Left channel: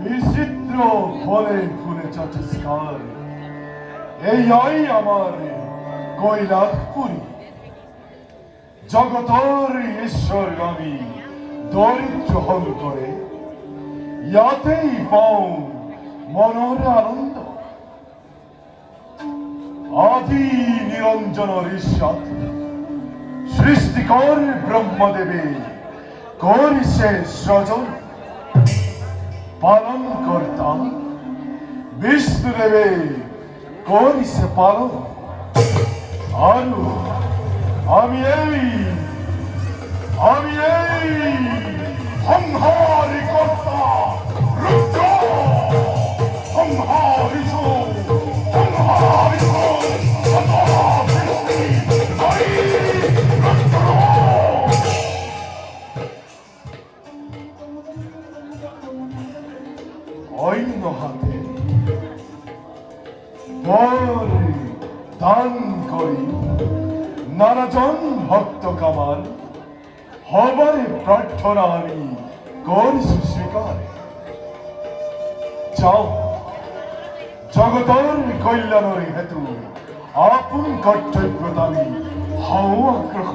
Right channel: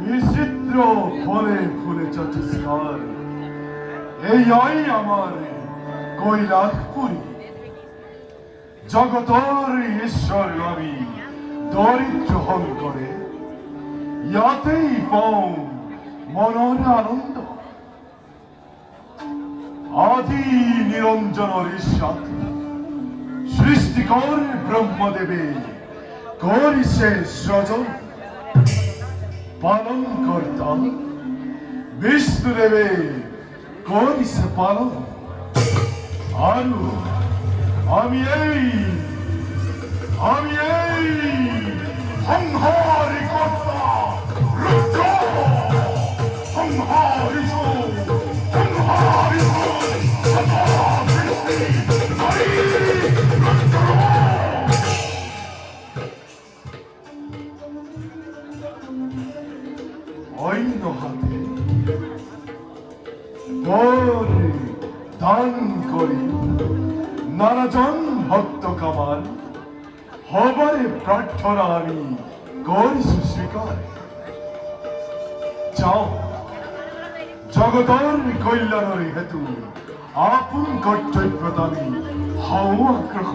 বিচিত্র ফলে ফুলে চাচ্ছে স্থান এই আমার কৈলাসপুরী জগতর ঈশ্বর আমি দরিদ্র হল করে ইয়াতেই পাও মনের আনন্দ আদি নিরঞ্জন ঈশ্বর সৃষ্টিকর ব্রহ্মদেবে করিছে সৃজন পালন করতাম বিষ্ণুদেবে করিছে পালন আর আমি এই সংহারি কর্তা রুদ্র সংহারিত অন্য হাতে দান করি নানাজন ভক্ত কামার হবারে প্রার্থনা আমি করিছি স্বীকার যাও জগতর কল্যাণের হেতু আপন কর্তব্যতা আমি হও আগ্রহ